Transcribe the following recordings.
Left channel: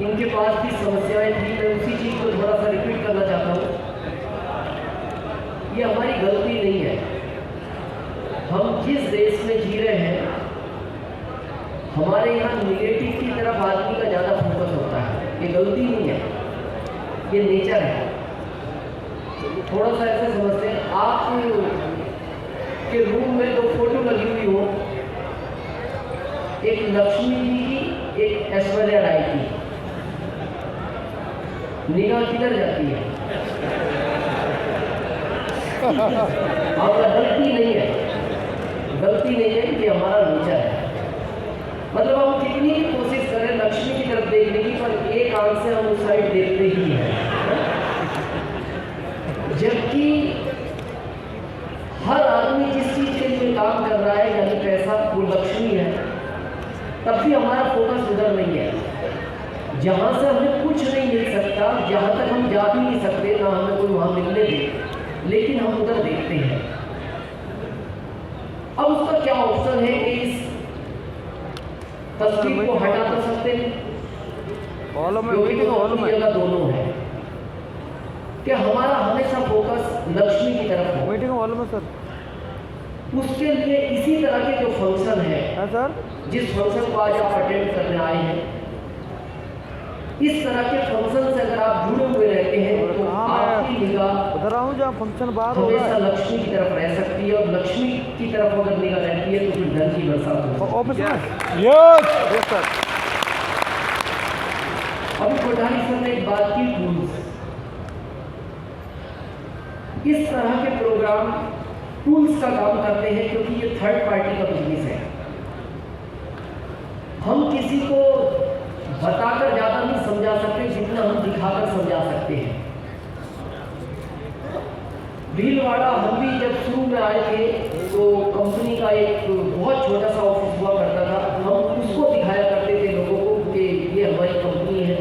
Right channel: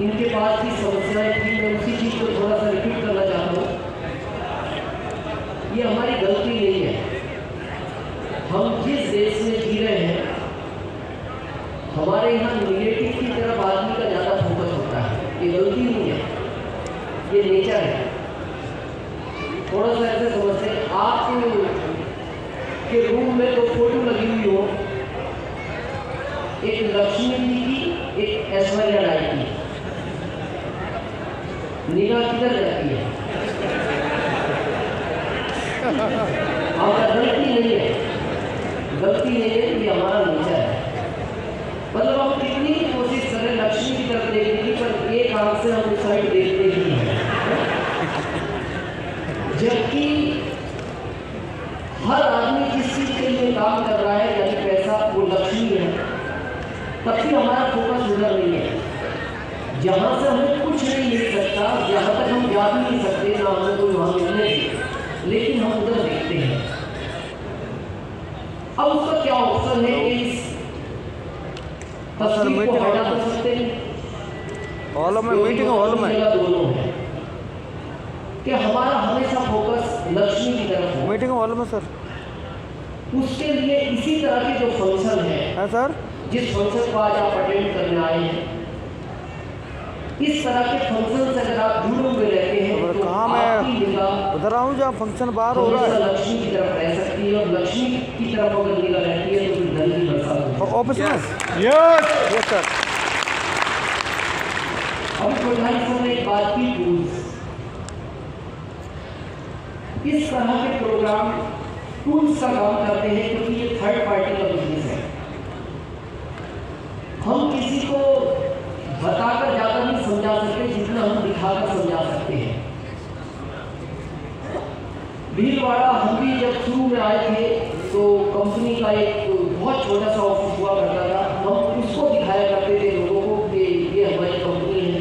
इनके पास भी समस्याएं थी। मैं उसी चीज़ को थोड़ा सा रिपीट करना चाहता हूँ। ये हमारी गलती नहीं है। हम जिस देश में जी रहे हैं, हमारे यहाँ निगेटिव की तरफ आदमी का ज़्यादा फोकस होता है। ये गलती नहीं है, ये नेचर है। थोड़ा सा ऐसे समझते हैं, आप के रूम में दो फोटो लगी हुई हो, एक लक्ष्मी जी की, एक ऐश्वर्या राय की, निगाह किधर जाती है? और गलती नहीं है, गलती नहीं है, ये हमारा नेचर है। मतलब हम कितनी कोशिश करें लक्ष्मी की तरफ देखने की, पर एक आंख से हम उस साइड देखते ही हैं। जबकि हर आदमी जिस चीज के लिए काम कर रहा है, यानी पैसा, वो लक्ष्मी है, तब भी हमारा फोकस उधर नहीं है। जहाँ से हमें कुछ नहीं मिल सकता, जहाँ तक हम जा भी नहीं सकते, ना हमें कोई वहाँ मिलने दे, लेकिन हम उधर देखते हैं। अब उसका क्या ऑप्शन है कि इस तस्वीर को हटा तो सकते हैं, जगह दोनों है कि हमारा हमेशा फोकस लक्ष्मी की तरफ हो। मीटिंग हॉल में सर, उसके लिए इसी तरह के जो फंक्शन है सर, जिस फंक्शन को आज आप अटेंड करने आए हैं, इस तरह के फंक्शन से अगर आप जुड़े हुए रहते हैं तो आपकी निगाह उधर आऊँ जहाँ फंक्शन बाहर हो रहा हमेशा लक्ष्मी की तरफ रह सकती है, और लक्ष्मी की तरफ अगर निगाह रहती है तो फिर धन की बरसात होती है। ऑफिस में यस सर। अब प्रधान समय एक बात की टूल्स, इस तरह के प्रोग्राम टूल्स का काम करते हैं, क्योंकि ये थर्ड पार्टी का बिजनेस है। हम किसी को बताकर ज्यादा नहीं समझा सकते जितना हम दिखाकर समझा सकते हैं। भीलवाड़ा हम भी जब शुरू में आए थे तो कंपनी का एक बहुत छोटा सा ऑफिस हुआ करता था। हम उसको दिखाया करते थे लोगों को कि ये हमारी कंपनी है,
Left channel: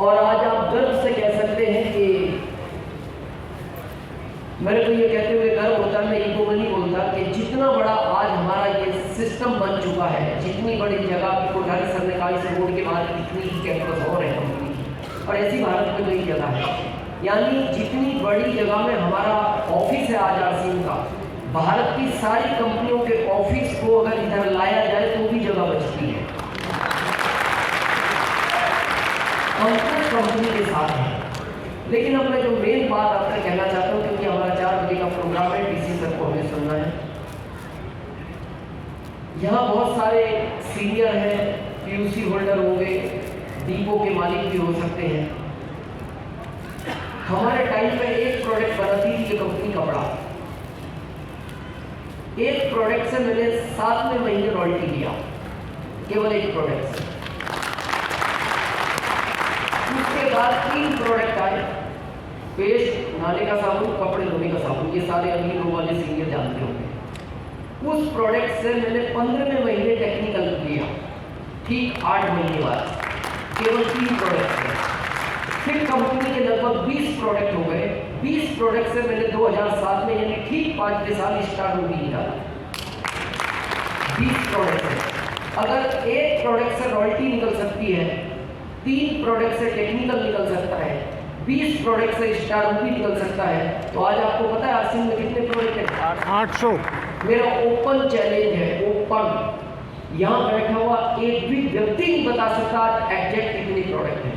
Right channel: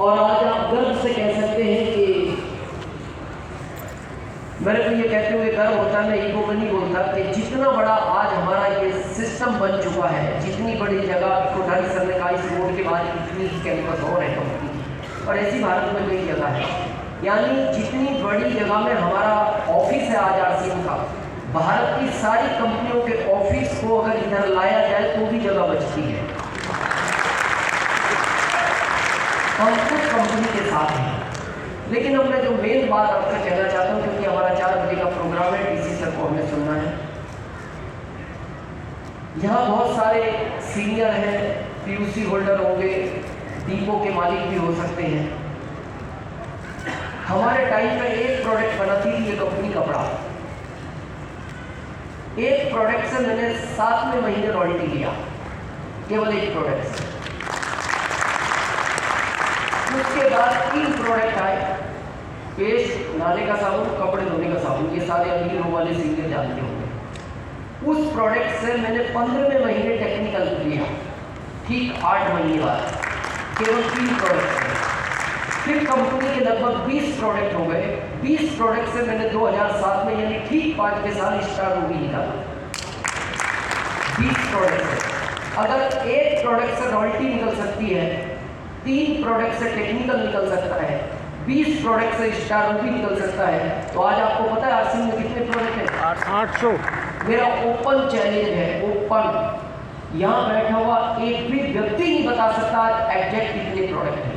और आज आप गर्व से कह सकते हैं कि मेरे को ये कहते हुए गर्व होता है, मैं ईगो में नहीं बोलता, कि जितना बड़ा आज हमारा ये सिस्टम बन चुका है, जितनी बड़ी जगह प्रोधान करने का इस रोड के बाद कितनी कैंपस हो रहे हैं, और ऐसी भारत में कई जगह है। यानी जितनी बड़ी जगह में हमारा ऑफिस है आज आरसीएम का, भारत की सारी कंपनियों के ऑफिस को अगर इधर लाया जाए तो भी जगह बचती है। हम कुछ कंपनी के साथ हैं, लेकिन अब मैं जो मेन बात आपसे कहना चाहता हूँ, क्योंकि हमारा 4 बजे का प्रोग्राम है, डीसी सर को हमें सुनना है। यहाँ बहुत सारे सीनियर हैं, पीयूसी होल्डर होंगे, डीपो के मालिक भी हो सकते हैं। हमारे टाइम पे एक प्रोडक्ट बनाती थी ये कंपनी कपड़ा, एक प्रोडक्ट से मैंने 7वें महीने रॉयल्टी किया, केवल एक प्रोडक्ट से। उसके बाद 3 प्रोडक्ट आए, पेस्ट, नहाने का साबुन, कपड़े धोने का साबुन, ये सारे अमीर वाले सीनियर जानते होंगे। उस प्रोडक्ट से मैंने 15वें महीने टेक्निकल किया, ठीक 8 महीने बाद केवल 3 प्रोडक्ट थे। फिर कंपनी के लगभग 20 प्रोडक्ट हो गए। 20 प्रोडक्ट से मैंने 2007 में, यानी ठीक 5वें साल स्टार्ट हो गई था। 20 प्रोडक्ट से अगर एक प्रोडक्ट से रॉयल्टी निकल सकती है, 3 प्रोडक्ट से टेक्निकल निकल सकता है, 20 प्रोडक्ट से स्टार भी निकल सकता है, तो आज आपको पता है आरसीएम में कितने प्रोडक्ट हैं? 800। मेरा ओपन चैलेंज है, ओपन, यहाँ बैठा हुआ एक भी व्यक्ति नहीं बता सकता आज एग्जैक्ट कितने प्रोडक्ट हैं।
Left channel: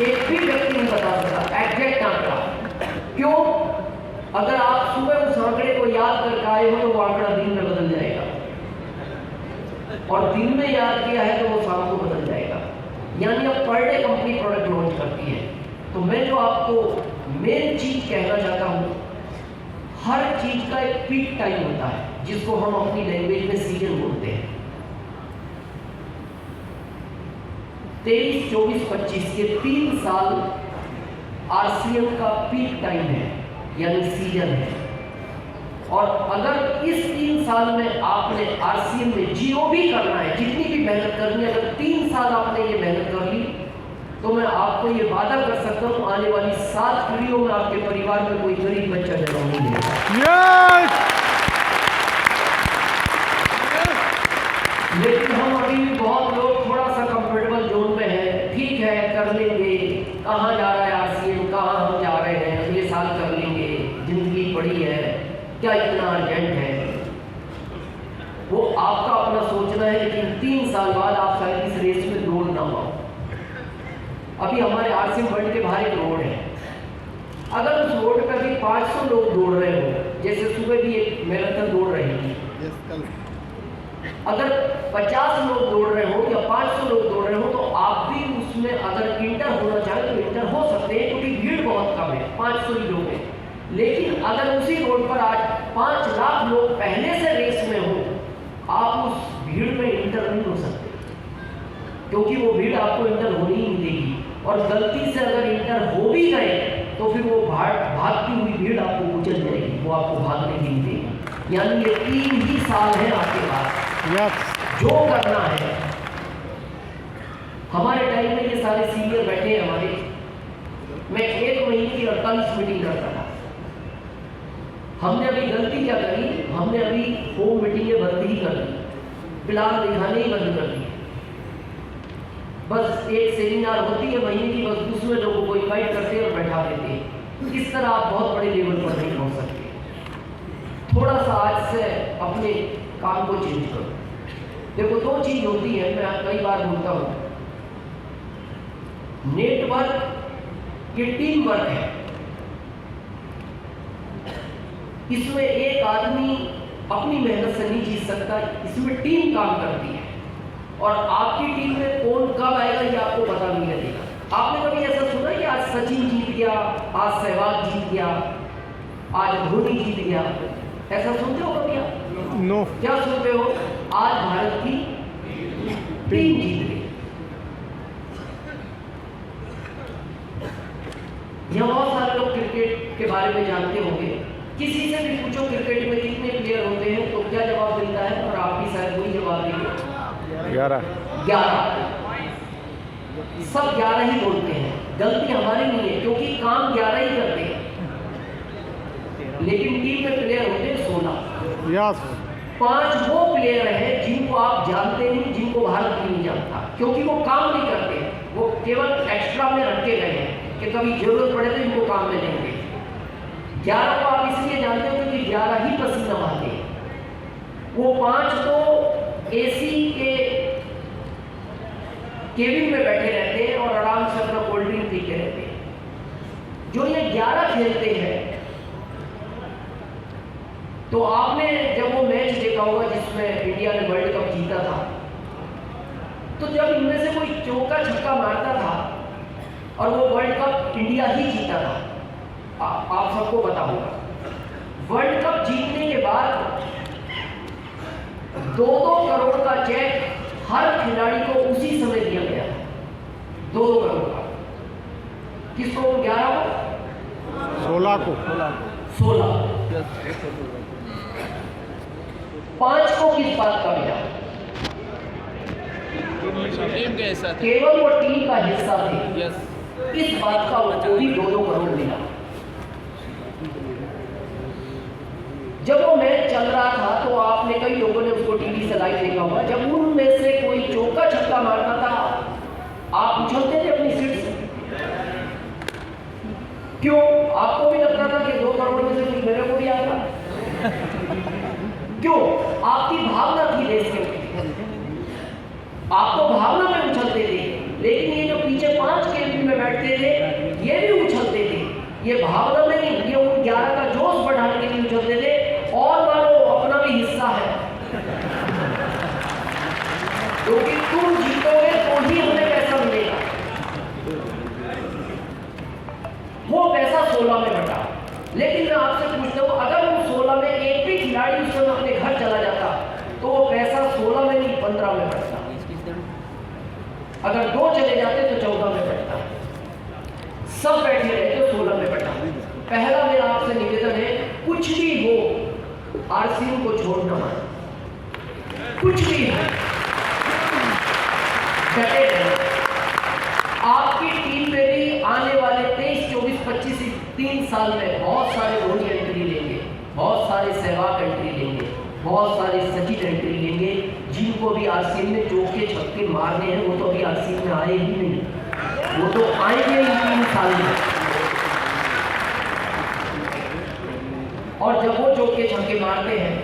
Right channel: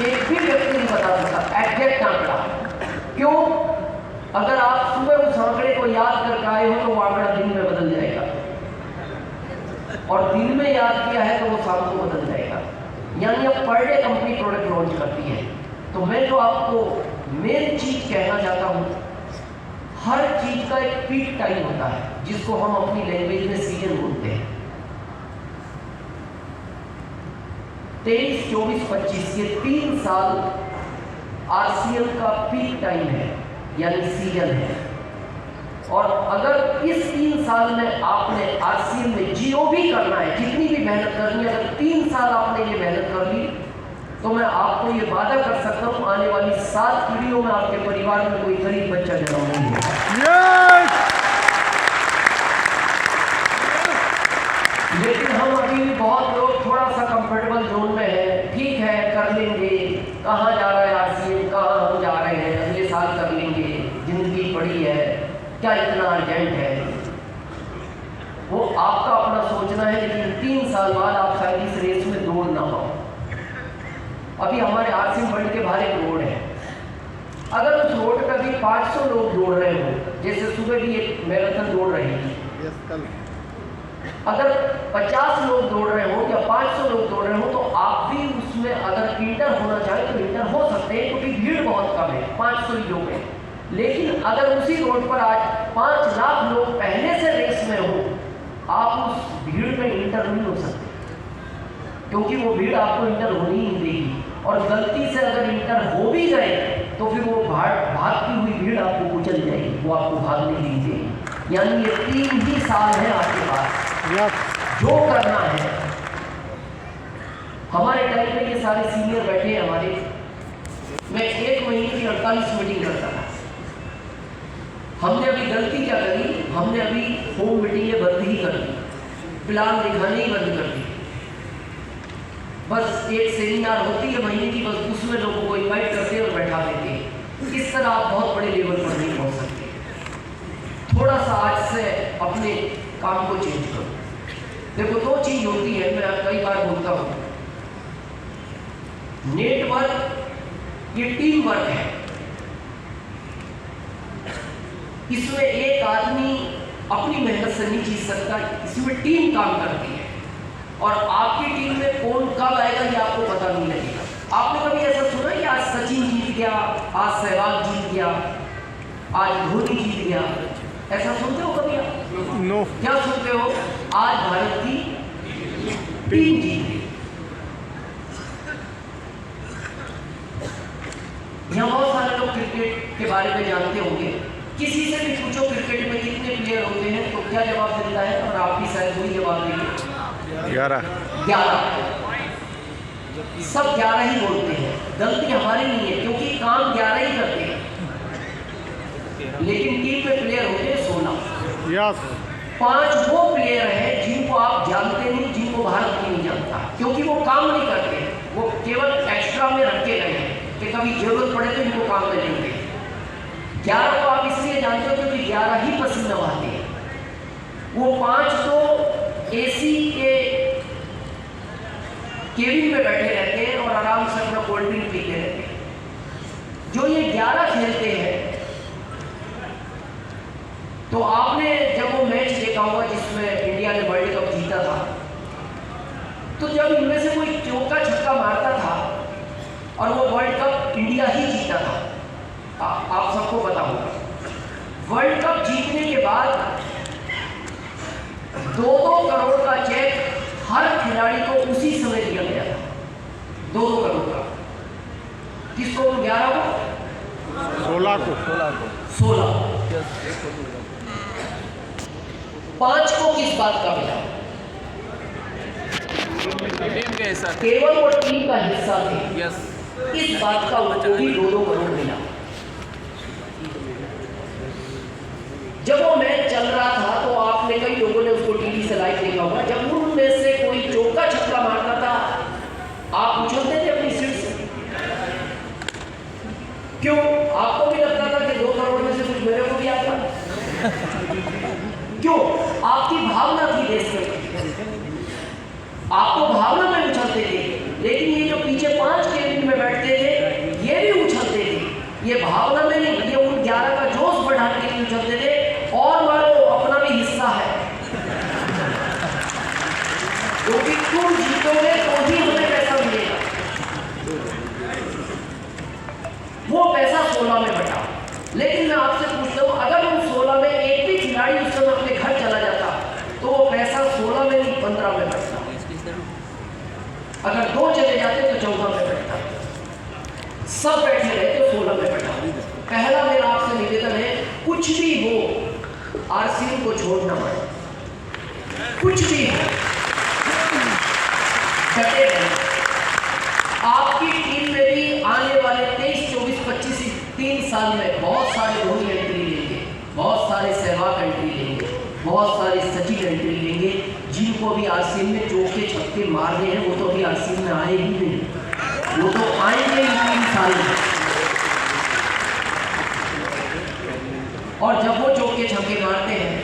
एक भी व्यक्ति नहीं बता सकता एग्जैक्ट आंकड़ा। क्यों? अगर आप सुबह उस आंकड़े को याद करके आए हो तो वो आंकड़ा दिन में बदल जाएगा, और दिन में याद किया है तो वो शाम को बदल जाएगा। यानी अब per day company product launch करती है। तो मैं जो आपको मेन चीज कहना चाहता हूँ, हर चीज का एक पीक टाइम होता है, जिसको हम अपनी लैंग्वेज में सीजन बोलते हैं। 23, 24, 25 के 3 साल आरसीएम का पीक टाइम है, यानी सीजन है। और अगर इस 3 साल में आपने आरसीएम में जो भी करना है, जितनी भी मेहनत करनी है, अगर 3 साल आपने ये मेहनत कर ली, तो मैं आपको ये वादा कर सकता हूँ आने वाली 7 पीढ़ियों में आपके परिवार में कोई गरीब बच्चा जन्म नहीं होगा। लेकिन हम अभी बहुत लोग थोड़ा सा 500 लोग दौड़ रहे हो, जैसे सुबह भी एक मैराथन दौड़ रही थी, अगर 50 लोग दौड़ रहे हो या 500 लोग दौड़ रहे हो तो आप भी उसमें अगर इंटर होना चाहे तो इंटर हो सकते हैं, क्योंकि भीड़ बहुत कम है, 500 ही लोग हैं। लेकिन अगर उसी रोड पर आज 5 लाख लोग पहले से रेस में हो, आप उस भीड़ में इंटर नहीं हो सकते, क्योंकि वो भीड़ आपको इंटर होनी ही नहीं देगी। और गलती से अगर इंटर हो भी गए तो फिर वो भागती हुई भीड़ आपको कुचल जाएगी, वो आपको भागने नहीं देगी। यानी ये 3 ही साल है आपके पास जो करना है। हमारे टाइम में ये सारे सीनियर बैठे हैं हमारे, मैं 1 महीने की 48 मीटिंग करता था। हमने अभी गलती क्या करी, हमने अभी होम मीटिंगें बंद ही कर दी, प्लान दिखाने ही बंद कर दी। बस एक सेमिनार होती है महीने की, बस उसमें लोगों को इन्वाइट करते और बैठा देते। इस तरह आप बहुत बड़े लेवल पर नहीं पहुंच सकते। थोड़ा सा आज से अपने काम को चेंज करो। देखो 2 चीज होती है, मैं कई बार बोलता हूँ, नेटवर्क ये टीम वर्क है। इसमें एक आदमी अपनी मेहनत से नहीं जीत सकता, इसमें टीम काम करती है। और आपकी टीम में कौन कब आएगा ये आपको पता नहीं लगेगा। आपने कभी ऐसा सुना कि आज सचिन जीत गया, आज सहवाग जीत गया, आज धोनी जीत गया, ऐसा सुनते हो कभी आप? नो। क्या सुनते हो? आज भारत की टीम जीत गई। यहाँ बहुत सारे लोग क्रिकेट के बारे में जानते होंगे, किसी से भी पूछो क्रिकेट में कितने प्लेयर होते हैं तो क्या जवाब मिलता है, और आप भी शायद वही जवाब देंगे 11। सब 11 ही बोलते हैं। गलती हमारी नहीं है, क्योंकि काम 11 ही करते हैं, लेकिन टीम में प्लेयर होते हैं 16। यस। 5 वो प्लेयर हैं जिनको आप जानते नहीं, जिनको भारत नहीं जानता, क्योंकि वो काम नहीं करते, वो केवल एक्स्ट्रा में रखे गए हैं कि कभी जरूरत पड़े तो इनको काम में लेंगे। 11 को आप इसलिए जानते हो क्योंकि 11 ही पसीना बहाते हैं। वो 5 तो एसी के केबिन में बैठे रहते हैं और आराम से अपना कोल्ड ड्रिंक पीते रहते हैं। जो ये 11 खेलते हैं, तो आपने जब वो मैच देखा होगा जिसमें इंडिया ने वर्ल्ड कप जीता था, तो जब इनमें से कोई चौका छक्का मारता था और वो वर्ल्ड कप इंडिया ही जीता था, आप सबको पता होगा। वर्ल्ड कप जीतने के बाद 2-2 करोड़ का चेक हर खिलाड़ी को उसी समय दिया गया था, 2-2 करोड़ का। किसको? 11 को, 16 को, 16। 5 को किस बात का मिला? केवल वो टीम का हिस्सा थे, इस बात का उनको भी 2-2 करोड़ मिला। जब वो मैच चल रहा था तो आपने कई लोगों ने उसको टीवी से लाइव देखा होगा, जब उनमें से कोई चौका छक्का मारता था आप उछलते थे अपनी सीट से। क्यों? आपको भी लगता था कि 2 करोड़ में से कुछ मेरे को भी आएगा? क्यों? आपकी भावना थी देश के, आपको भावना में उछलते थे। लेकिन ये जो पीछे 5 केबिन में बैठते थे ये भी उछलते थे, ये भावना में नहीं, ये उन 11 का जोश बढ़ाने के लिए उछलते थे। और मानो अपना भी हिस्सा है, क्योंकि तुम जीतोगे तो ही हमें पैसा मिलेगा। वो पैसा 16 में बटा। लेकिन मैं आपसे पूछता हूँ, अगर उन 16 में एक भी खिलाड़ी उस समय अपने घर चला जाता तो वो पैसा 16 में नहीं 15 में बटता। अगर 2 चले जाते तो 14 में बटता। सब बैठे रहे तो 16 में बटा। पहला मेरा आपसे निवेदन है, कुछ भी हो आरसीएम को छोड़ना, कुछ भी हो डटे रहे। आपकी टीम में भी आने वाले 23, 24, 25, 3 साल में बहुत सारे रोहित एंट्री लेंगे, बहुत सारे सहवाग एंट्री लेंगे, बहुत सारे सचिन एंट्री लेंगे, जिनको भी आरसीएम में चौके छक्के मारने हैं। वो तो अभी आरसीएम में आए ही नहीं, वो तो आएंगे ही 3 साल में। और जब वो चौके छक्के मारते हैं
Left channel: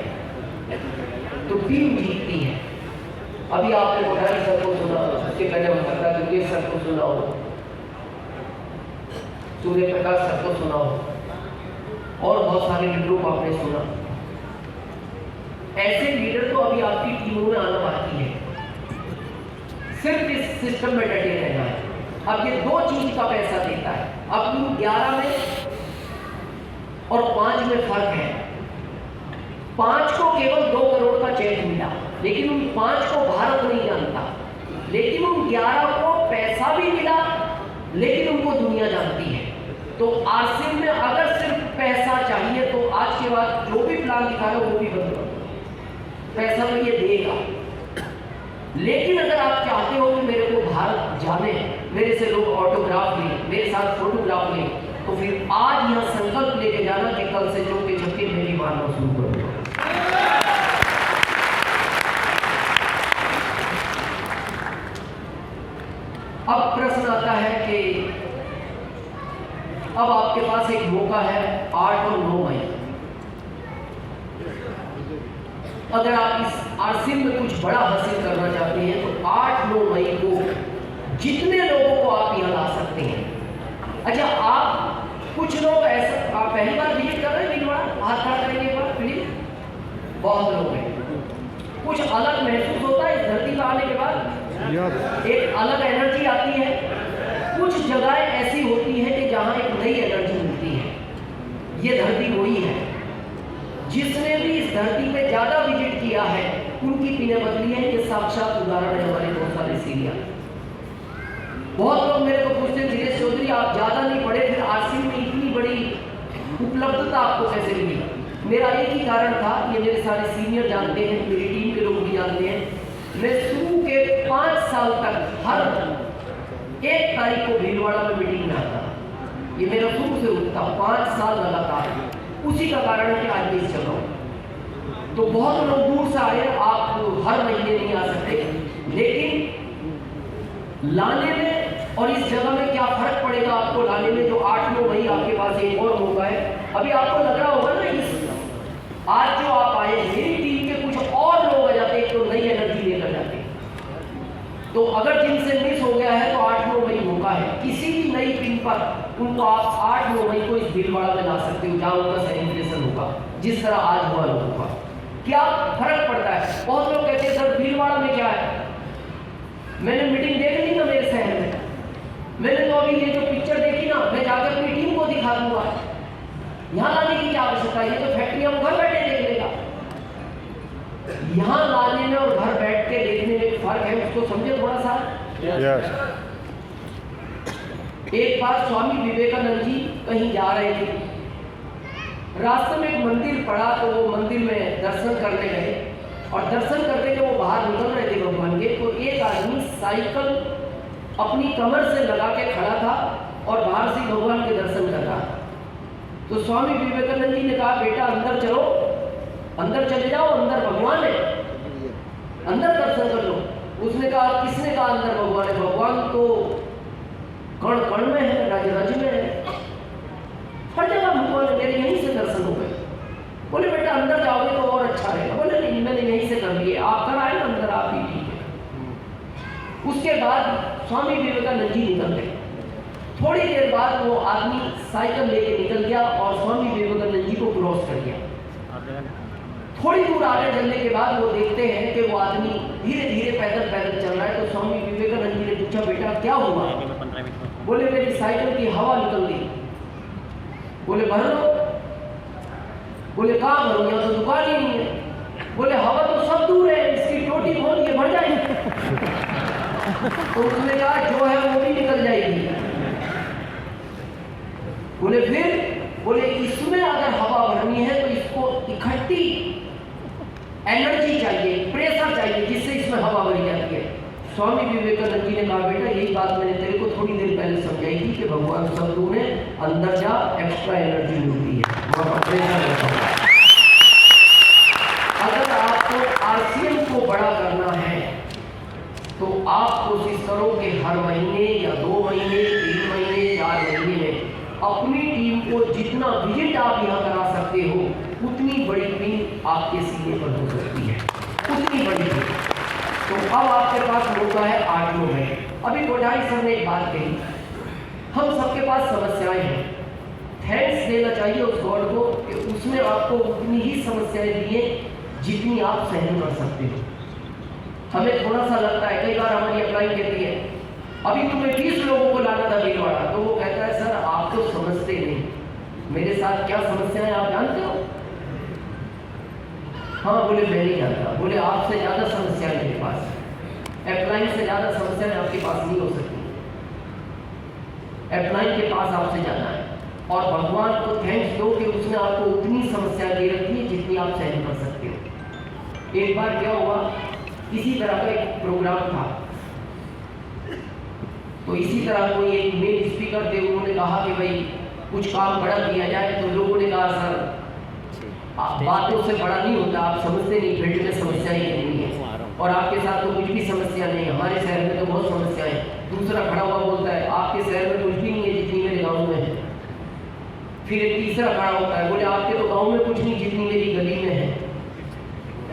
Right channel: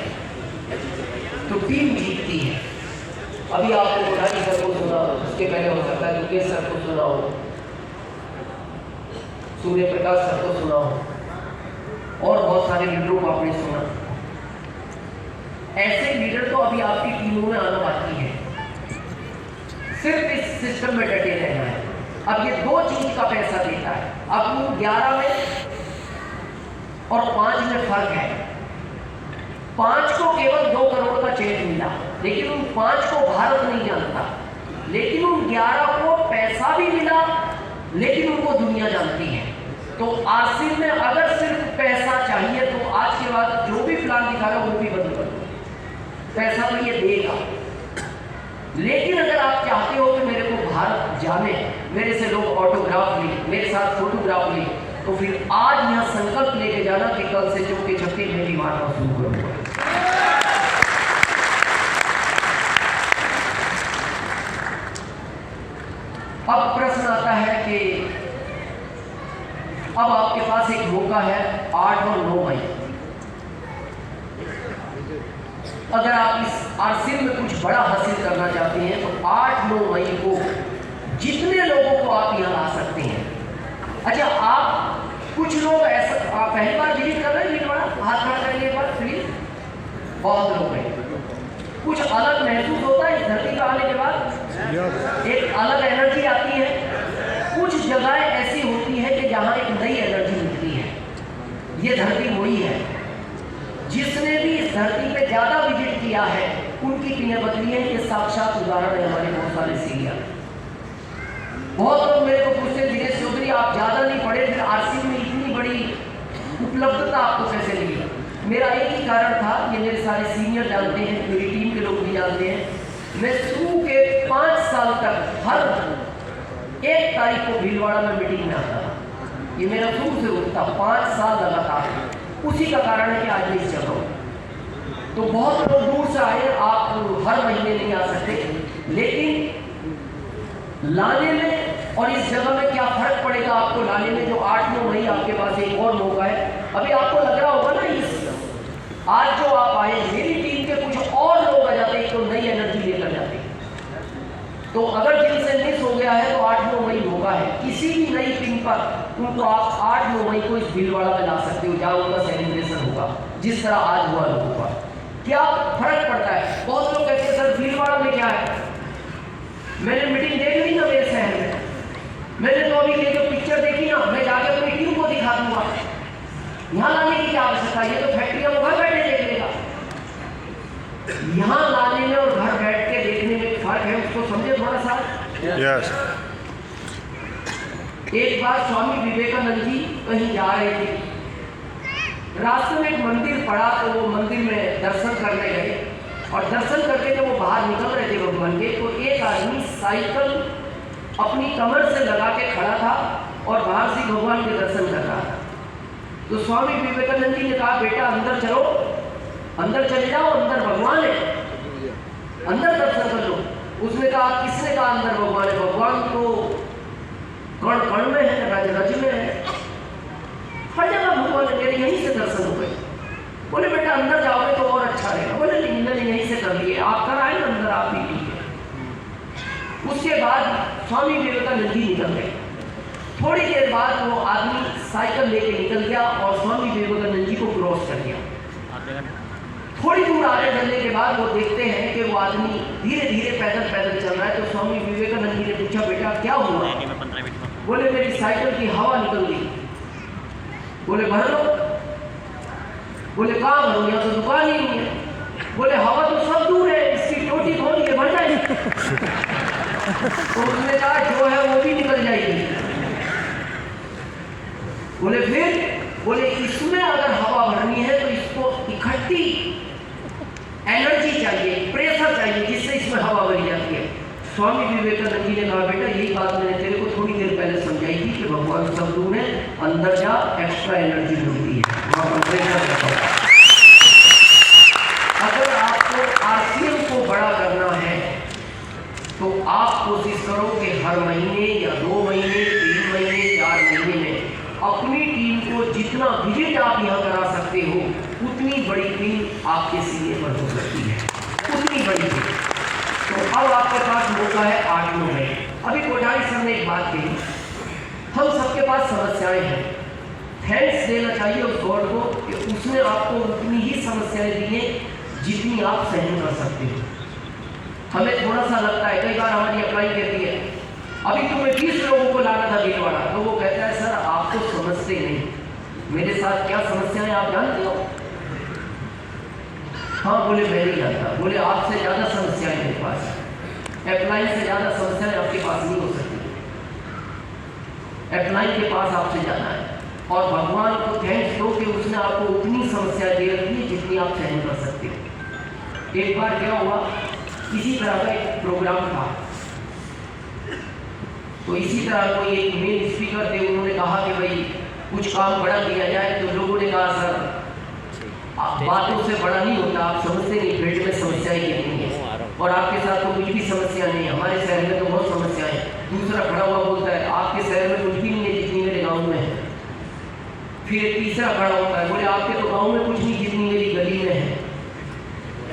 तो टीम जीतती है। अभी आपने बुढ़ानी सर को सुना, उसके पहले हो सकता है दुर्गेश सर को सुना हो, सूर्य प्रकाश सर को सुना हो, और बहुत सारे लीडरों को आपने सुना। ऐसे लीडर तो अभी आपकी टीमों में आना बाकी है, सिर्फ इस सिस्टम में डटे रहना है। अब ये 2 चीज का पैसा देता है। अब 11 में और 5 में फर्क है। 5 को केवल 2 करोड़ का चेक मिला, लेकिन उन 5 को भारत नहीं जानता। लेकिन उन 11 को पैसा भी मिला, लेकिन उनको दुनिया जानती है। तो आरसीएम में अगर सिर्फ पैसा चाहिए तो आज के बाद जो भी प्लान दिखाना वो भी बंद कर दो। पैसा तो ये देगा, लेकिन अगर आप चाहते हो कि मेरे को भारत जाने, मेरे से लोग ऑटोग्राफ लें, मेरे साथ फोटोग्राफ लें, तो फिर आज यह संकल्प लेके जाना कि कल से जो के छप्पी में भी मारना शुरू करूंगा। अब प्रश्न आता है कि अब आपके पास एक मौका है 8 और 9 मई। अगर आप इस आरसीएम में कुछ बड़ा हासिल करना चाहते हैं तो 8-9 मई को जितने लोगों को आप यहाँ ला सकते हैं। अच्छा, आप कुछ लोग ऐसा, आप पहली बार विजिट कर रहे हैं भीलवाड़ा, हाथ खड़ा करेंगे एक बार प्लीज। बहुत लोग हैं, कुछ अलग महसूस होता है इस धरती पर आने के बाद, एक अलग एनर्जी आती है। कुछ जगह ऐसी होती है कि जहाँ एक नई एनर्जी मिलती है। ये धरती वही है, जिसने भी इस धरती पे ज्यादा विजिट किया है उनकी पीने बदली है। ये साक्षात उदाहरण है हमारे बहुत सारे सीरिया। बहुत लोग मेरे को पूछते, दिनेश चौधरी आप ज्यादा नहीं पढ़े, फिर आरसीएम में इतनी बड़ी उपलब्धता आपको कैसे मिली? मेरा एक ही कारण था, ये मेरे सारे सीनियर जानते हैं, मेरी टीम के लोग भी जानते हैं। मैं शुरू के 5 साल तक हर 1 तारीख को भीलवाड़ा में मीटिंग में आता। ये मेरा शुरू से होता 5 साल लगातार। उसी का कारण है कि आज भी चल रहा हूँ। तो बहुत लोग दूर से आए, आप हर महीने नहीं आ सकते, लेकिन लाने में और इस जगह में क्या फर्क पड़ेगा आपको लाने में, जो 8-9 मई आपके पास एक और मौका है। अभी आपको लग रहा होगा ना, इस आज जो आप आए, मेरी टीम के कुछ और लोग आ जाते तो नई एनर्जी लेकर जाते। तो अगर जिनसे मिस हो गया है तो 8-9 मई मौका है। किसी भी नई टीम पर उनको आप 8-9 मई को इस भीलवाड़ा में ला सकते हो, जहाँ उनका सेलिब्रेशन होगा जिस तरह आज हुआ होगा। क्या फर्क पड़ता है? बहुत लोग कहते हैं सर भीलवाड़ा में क्या है, मैंने मीटिंग देख ली ना मेरे शहर में, मैंने तो अभी ये जो पिक्चर देखी ना, मैं जाकर अपनी टीम को दिखा दूंगा। यहाँ लाने की क्या आवश्यकता है? ये तो फैक्ट्री में घर बैठे देख लेगा। यहाँ लाने में और घर बैठ के देखने में फर्क है, उसको समझे थोड़ा सा। यस। एक बार स्वामी विवेकानंद जी कहीं जा रहे थे, रास्ते में एक मंदिर पड़ा, तो वो मंदिर में दर्शन करने गए और दर्शन करके जब वो बाहर निकल रहे थे भगवान के, तो एक आदमी साइकिल अपनी कमर से लगा के खड़ा था और बाहर से भगवान के दर्शन कर रहा था। तो स्वामी विवेकानंद जी ने कहा, बेटा अंदर चलो, अंदर चले जाओ, अंदर भगवान है, अंदर दर्शन कर लो। उसने कहा, किसने कहा अंदर भगवान है? भगवान तो कण कण में है, रज रज में है, हर जगह भगवान है, मेरे यहीं से दर्शन हो गए। बोले बेटा अंदर जाओगे तो और अच्छा रहेगा। बोले नहीं, मैंने यहीं से कर लिए, आप कर आए ना अंदर, आप भी ठीक है। उसके बाद स्वामी विवेकानंद जी निकल गए। थोड़ी देर बाद वो आदमी साइकिल लेके निकल गया और स्वामी विवेकानंद जी को क्रॉस कर दिया। थोड़ी दूर आगे चलने के बाद वो देखते हैं कि वो आदमी धीरे धीरे पैदल पैदल चल रहा है। तो स्वामी विवेकानंद जी ने पूछा, बेटा क्या हुआ? बोले मेरी साइकिल की हवा निकल गई। बोले भर लो। बोले कहाँ भरूं, यहाँ तो दुकान ही नहीं है। बोले हवा तो सब दूर है, इसकी टोटी खोल के भर जाएगी। तो उसने कहा जो है वो भी निकल जाएगी। बोले फिर? बोले इसमें अगर हवा भरनी है तो इसको इकट्ठी एनर्जी चाहिए, प्रेशर चाहिए, जिससे इसमें हवा भरी जाती है। स्वामी विवेकानंद जी ने कहा, बेटा यही बात मैंने तेरे को थोड़ी देर पहले समझाई थी कि भगवान शब्दों में अंदर जा एक्स्ट्रा एनर्जी मिलती है। अगर आपको आरसीएम को बड़ा करना है तो आप कोशिश करो कि हर महीने या 2 महीने, 3 महीने, 4 महीने में अपनी टीम को जितना विजिट आप यहाँ करा सकते हो, उतनी बड़ी टीम आपके सीने पर हो सकती है, उतनी बड़ी टीम। तो अब आपके पास मौका है 8-9 मई। अभी कोठारी सर ने एक बात कही, हम सबके पास समस्याएं हैं, थैंक्स देना चाहिए उस गॉड को कि उसने आपको उतनी ही समस्याएं दी हैं जितनी आप सहन कर सकते हो। हमें थोड़ा सा लगता है, कई बार हमारी अप्लाई कहती है अभी तुम्हें 20 लोगों को लाना था भीलवाड़ा, तो वो कहता है सर आप तो समझते नहीं, मेरे साथ क्या समस्या है आप जानते हो? हाँ बोले मैं नहीं जानता। बोले आपसे ज़्यादा समस्या है मेरे पास, अप्लाई से ज़्यादा समस्याएं आपके पास नहीं हो सकती, अप्लाई के पास आपसे जाना है। और भगवान को थैंक्स दो कि उसने आपको उतनी समस्या दे रखी है जितनी आप सहन कर सकते हो। एक बार क्या हुआ, इसी तरह का एक प्रोग्राम था, तो इसी तरह कोई एक मेन स्पीकर थे, उन्होंने कहा कि भाई कुछ काम बड़ा किया जाए, तो लोगों ने कहा सर बातों से बड़ा नहीं होता, आप समझते नहीं, फील्ड में समस्या ही नहीं है और आपके साथ तो कुछ भी समस्या नहीं है, हमारे शहर में तो बहुत समस्या है। दूसरा खड़ा हुआ बोलता है आपके शहर में कुछ भी नहीं है जितनी मेरे गाँव में है। फिर एक तीसरा खड़ा होता है, बोले आपके तो गाँव में कुछ नहीं जितनी मेरी गली में है।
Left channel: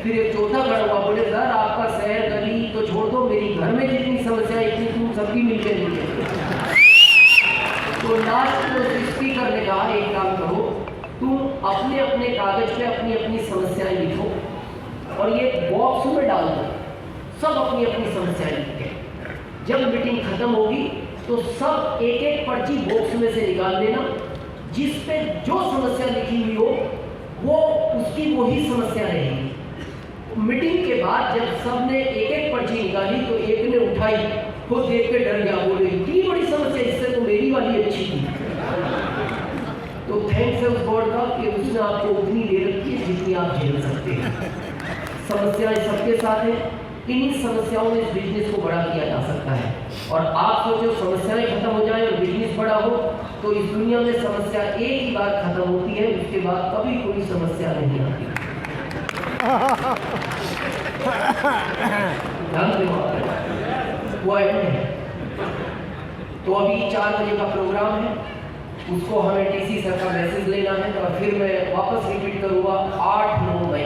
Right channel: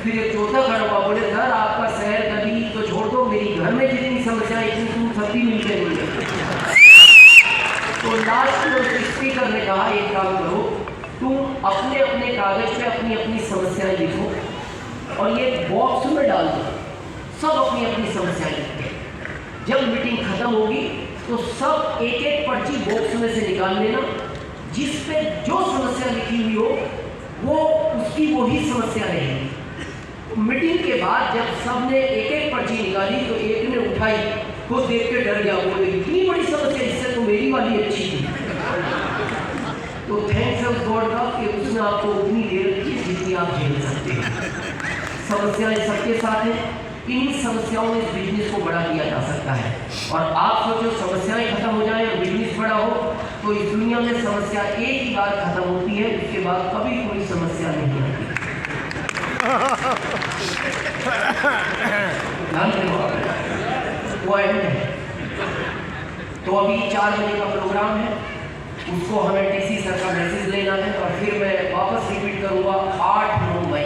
फिर एक चौथा खड़ा हुआ, बोले सर आपका शहर गली तो छोड़ दो, मेरी घर में जितनी समस्या है इतनी तुम सबकी मिलकर नहीं है। तो लास्ट में स्पीकर ने कहा एक काम करो, तुम अपने अपने कागज पे अपनी अपनी समस्याएं लिखो और ये बॉक्स में डाल दो, सब अपनी अपनी समस्याएं लिखते। जब मीटिंग खत्म होगी तो सब एक एक पर्ची बॉक्स में से निकाल लेना, जिस पे जो समस्या लिखी हुई हो वो उसकी वही समस्या रहेगी। मीटिंग के बाद जब सबने एक एक पर्ची निकाली तो एक ने उठाई, खुद देख के डर गया, बोले इतनी बड़ी समस्या, इससे तो मेरी वाली अच्छी थी। तो थैंक्स ऑफ गॉड का कि उसने आपको उतनी दे रखी है जितनी आप झेल सकते हैं। समस्याएं सबके साथ हैं, इन समस्याओं में इस बिजनेस को बड़ा किया जा सकता है। और आप सोचो समस्याएं खत्म हो जाए और बिजनेस बड़ा हो, तो इस दुनिया में समस्या एक ही बार खत्म होती है, उसके बाद कभी कोई समस्या नहीं आती। तो अभी 4 बजे का प्रोग्राम है, उसको हमें डीसी सर का मैसेज लेना है और फिर मैं वापस रिपीट करूँगा 8-9 मई।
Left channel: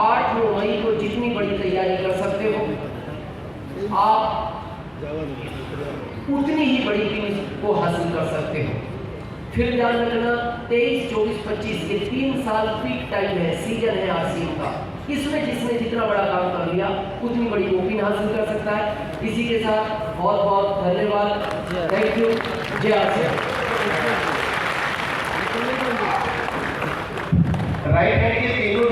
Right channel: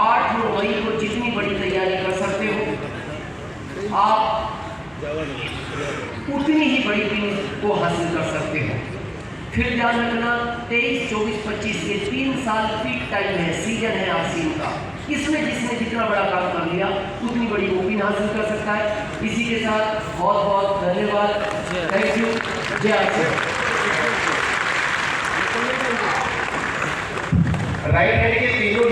8-9 मई को जितनी बड़ी तैयारी कर सकते हो आप उतनी ही बड़ी फिनिश को हासिल कर सकते हो। फिर ध्यान रखना 23, 24, 25 ये 3 साल पीक टाइम है, सीजन है आरसीएम का। इसमें जिसने जितना बड़ा काम कर लिया उतनी बड़ी ओपिन हासिल कर सकता है। इसी के साथ बहुत बहुत धन्यवाद, थैंक यू, जय आरसीएम। राइट हैंड के तीनों